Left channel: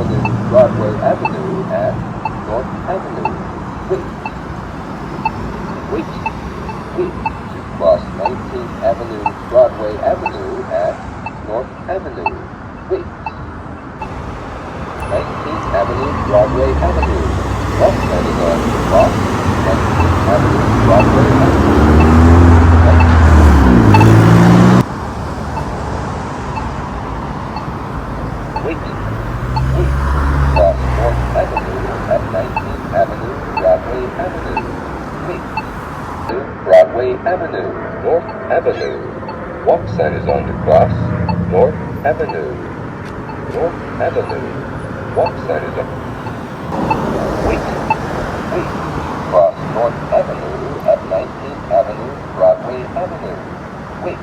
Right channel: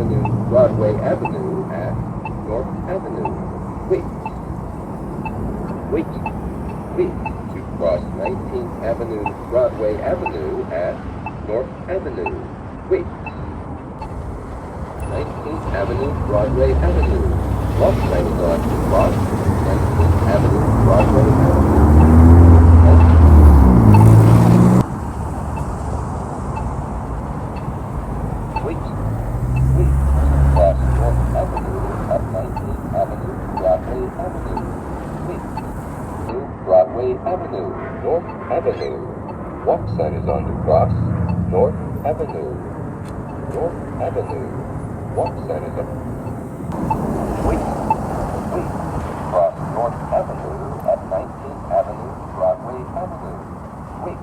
Avenue, Broadway Avenue at North Avenue. Wait. To cross 19th Avenue, Broadway Avenue at North Avenue. Wait. 19th Avenue, Broadway Avenue. Left side is on to cross 19th Avenue, Broadway Avenue. Wait. Cross North Avenue at 19th Avenue, Broadway Avenue. Wait. Broadway Avenue, North Avenue. Walk sign is on to cross North Avenue. North Avenue. Walk sign is on. Wait. Cross North Avenue at 19th Avenue, Broadway Avenue. Wait.